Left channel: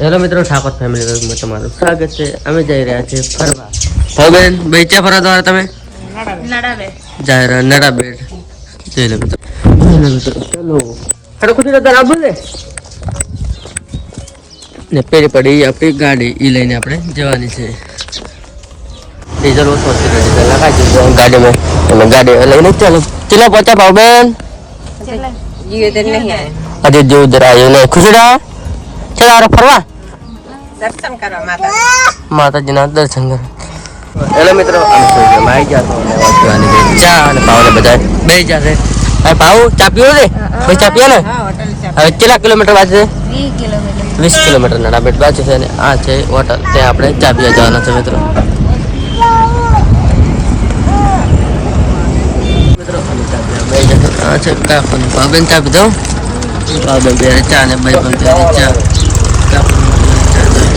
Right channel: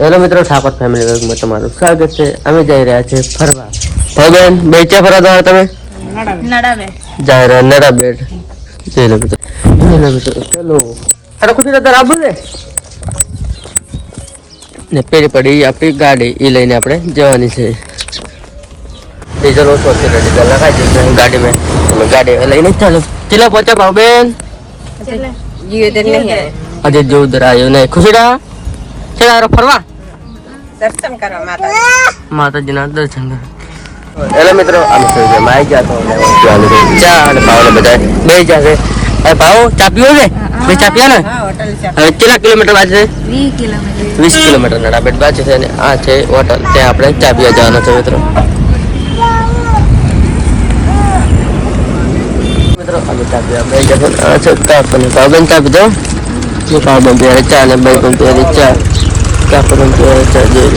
Hello મિત્રો, Thakor family વર્ગમાં તમારું સ્વાગત છે. અમે જઈ રહ્યા છીએ ફરવા. ભાઈ બે ક્યાં ફરવા તમારે? તમે જઈ રહ્યા નડા બેટ. જઈ લો મિત્રો, ચલો અરે કુછ નતર આબુ ને પેલી પડી આપણી ગાડી એ લઈને આપણે જવાની છે. ડીઝલ ઓછો છે, ડીઝલ લગાવી દીધું ગાડીમાં અને ગાડી લઈને ચાલો. ચેલા પહોંચ્યા ભાવબેન? અરે જો ઉધર આવ્યું ને ખુશડા ચાલો ફરવા દર્શન કરવા માતાજીના દર્શન કરવા. હેલો મિત્રો, અમે આવી ગયા તો ચા અને ભાવને બધા બે જશે. હવે ભાવ ચા પીવો છે? ભાઈ ચા પીયા ને? હવે કેટલા કિલોમીટર બાજુ છે? 20 કિલોમીટર નડા બેટ બાજુ છે. અને આ છે હોટલ, ત્યાં આપણે ચા પીવા જવાના છે મિત્રો. અમે ચા પીવા બે જશે. આ છે કાકોને ભાવબેન ચા પીધો. ભાવબેન પીવે ચા ને ભાઈ પણ પીવે ચા. કાકોને પીવે ચા. જોઈ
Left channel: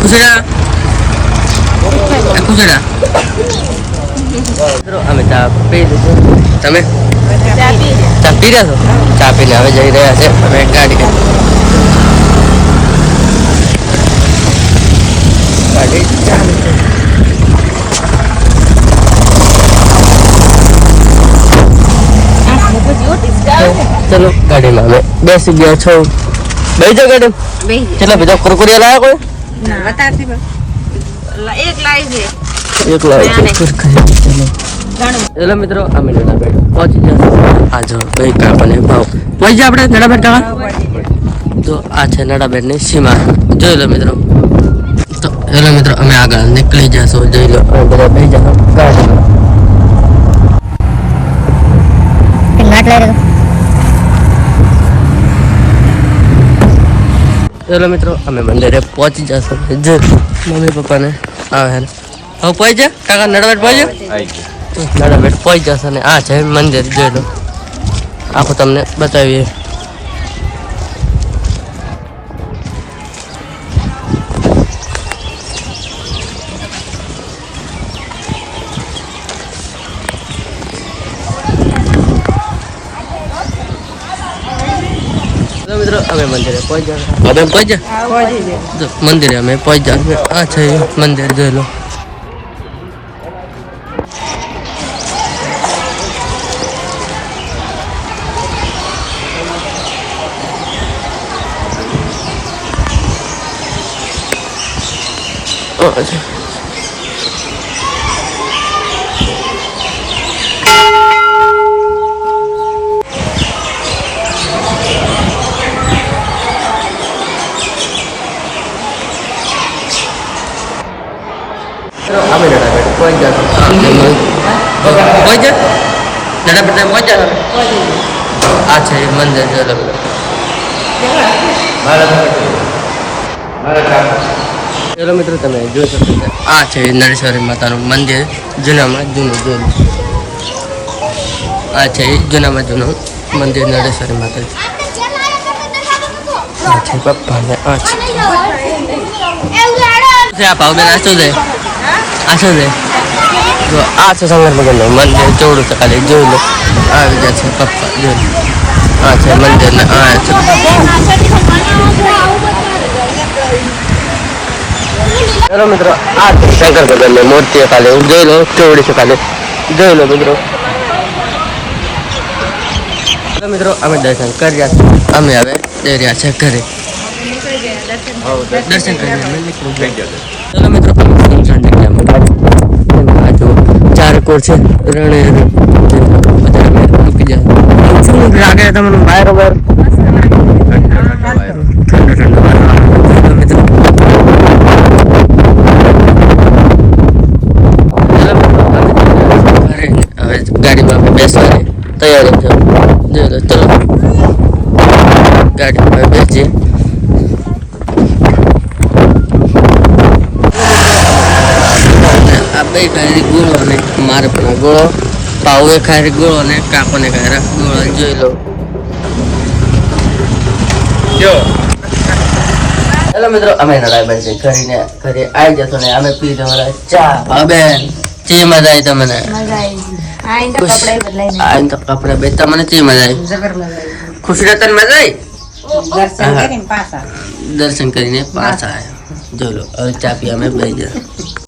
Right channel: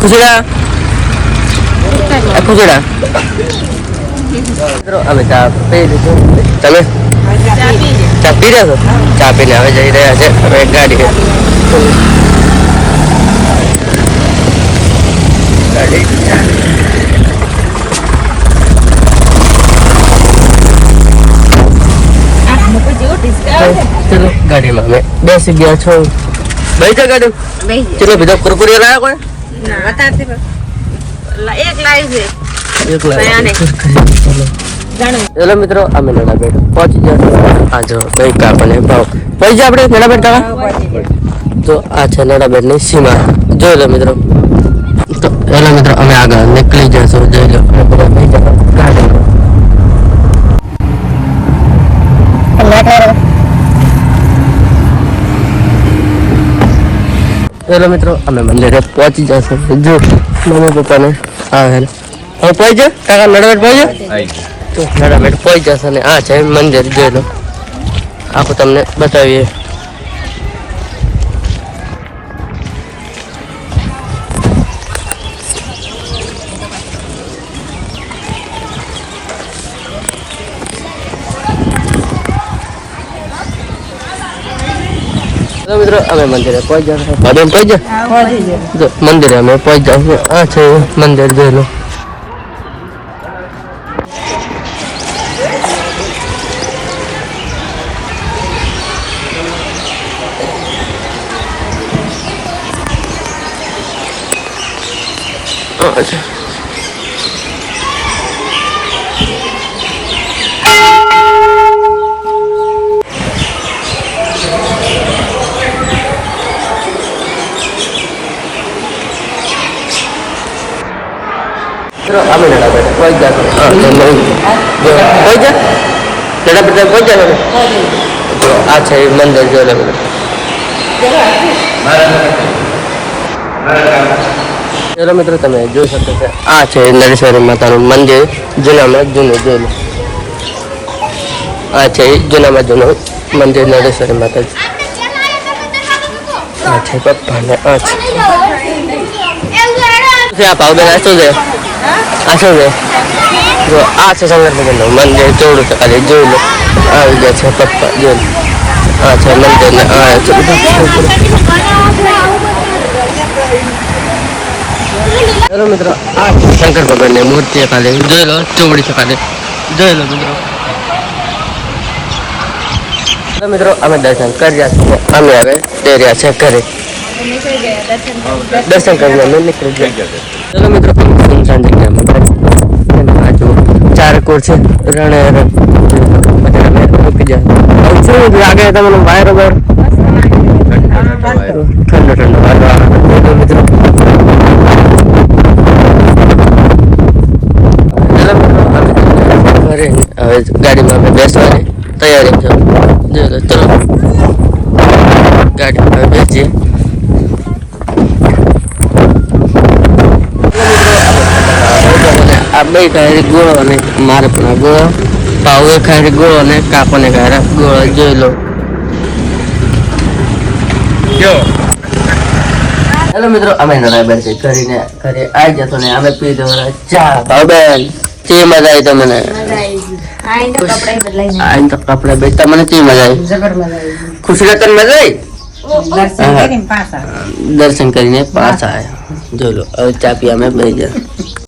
ખુશડા ખુશડા મિત્રો, અમે ચા પી લીધું. તમે ચા પી રહ્યા છો? ચા પીને હવે જઈ રહ્યા છે હવે ગાડી ચાલુ છે. ચલો ગાડીમાં અમે બેસી ગયા છો. બેસી જા ગાડી. ચલો બીજો કુરકુરિયા લાયા કોઈ? ચલો મિત્રો, અમે નડાબેટ પહોંચી ગયા. આ જો ભાઈ કાકોને ભાવ પહોંચી જાય આપણે નડાબેટ કાકા. તો આ છે નડાબેટની સીમા. જોઈ લો મિત્રો. તો હેલો મિત્રો, અમે આગળ નીકળી જશું. જોઈ લો અને બધા બેસી જાવ ગાડીમાં. હેલો મિત્રો, અમે મંદિરે પહોંચી જશું. જો મમ્મી પપ્પાને આવે હવે પહોંચી જા કાકા નડાબેટ પહોંચી જા. તો નડાબેટ પહોંચી જશે અને આ છે મંદિર. જોઈ લો આખું તમને બતાવીએ. મિત્રો અમે મંદિરે પહોંચી ગયા. મંદિરે અમે પહોંચી ગયા. આ છે મંદિર. જોઈ લો. અમે નડાબેટ પહોંચી જશું. પહોંચી જા નડાબેટ પહોંચી જા. આ છે મંદિર. જોઈ લો. ચલો મિત્રો, તમે જોઈ શકો છો આ છે નરેશ્વરી માતાનું મંદિર. જૂનામાં જૂનું. જોઈ લો. આ છે જૂનામાં જૂનું મંદિર નરેશ્વરી માતાજી. આ છે પપ્પા ને આ છે આ ભાવબેન. આ શું છે? આ શું છે? જો આ છે શંકર ભગવાનનું મંદિર. ચોડું છે ખાલી. જોઈ લો. આવી ગયા છે પપ્પા. જોઈ લો. આ છે મંદિર ને આ છે હેલો મિત્રો, આ છે શંકર ભગવાનની મૂર્તિ ખાલી. જોઈ લો. ચોડી છે ખાલી. જોઈ લો મિત્રો. મિત્રો અમે દર્શન કર્યા છે. અમે હવે જઈ રહ્યા છે ઘરે. દર્શન કરીને અમે નીકળી ગયા. ચલો મિત્રો, સુનસાન જગ્યામાં ચારકોર છે રણે અમે મૂકી જાય. શું લાગે તમને? વાયરો વાયરો ઠંડો ઠંડો વાયરો મિત્રો. ઘરે હવે ગાડીમાં અમે બેસવાની તૈયારી છે. જોઈ લો. ચલો ગાડીમાં બેસીએ. આ બે ખાય ગોળો અને મારે પણ ગોળો. ભાવે ખાય ગોળો અને કાકોને ખાય ગોળો. જોઈ લો. હેલો મિત્રો, અમે નડાબેટ કરીને ઘરે આવી જશો ને અમે પી દો ચા. ભાવબેન જે મજા આવી તમને? આઈને તો કપડા બે તમને જે મજા આવી? ખુશી તને મજા આવી? દર્શન કરીને પાછા આવ્યા. જો લો હવે ચા પી અમે બે જણ